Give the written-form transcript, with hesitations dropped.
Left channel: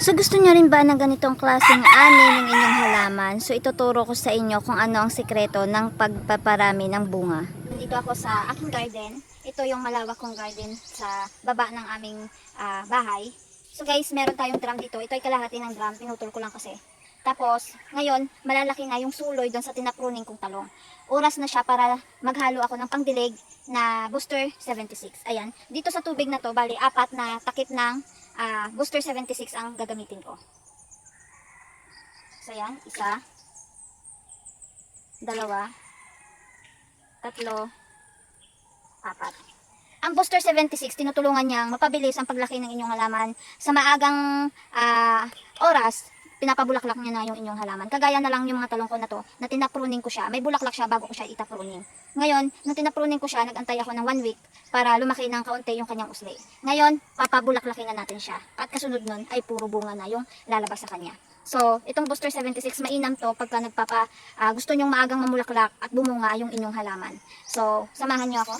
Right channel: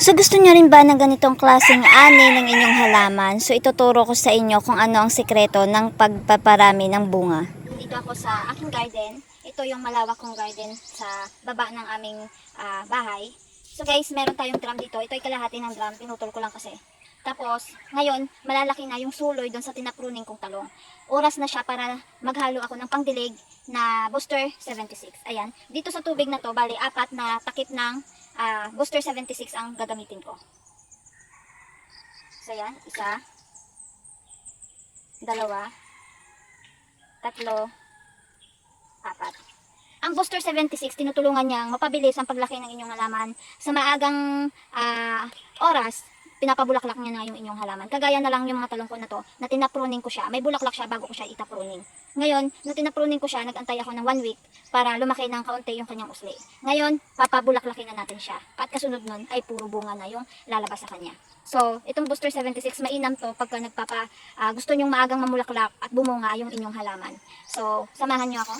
So gusto nyo rin ba ng ganitong klaseng ani ng inyong halaman? So ituturo ko sa inyo kung ano ang sikreto ng pagpaparami ng bunga. Dito ako sa aking garden. Ito yung malawak kong garden sa baba ng aming bahay. So guys, meron tayong drum dito. Ito ay kalahati ng drum. Pinutol ko lang kasi. Tapos, ngayon, malalaki na yung suloy doon sa tinapruning kong talong. Oras na siya para maghalo ako ng pangdilig na Booster 76. Ayan. Dito sa tubig na to, bali, 4 na takip ng Booster 76 ang gagamitin ko. So, ayan. 1, 2, 3, 4. Ang Booster 76, tinutulungan niyang mapabilis ang paglaki ng inyong halaman. Sa maagang oras, pinapabulaklak niya na yung inyong halaman. Kagaya na lang yung mga talong ko na to, na tinapruning ko siya. May bulaklak siya bago ko siya itapruning. Ngayon, na tinapruning ko siya, nagantay ako ng 1 week para lumaki ng kaunti yung kanyang usli. Ngayon, papabulaklakin na natin siya. At kasunod nun ay puro bunga na yung lalabas sa kanya. So, itong Booster 76, mainam to pagka gusto nyong maagang mamulaklak at bumunga yung inyong halaman. So, samahan nyo ako.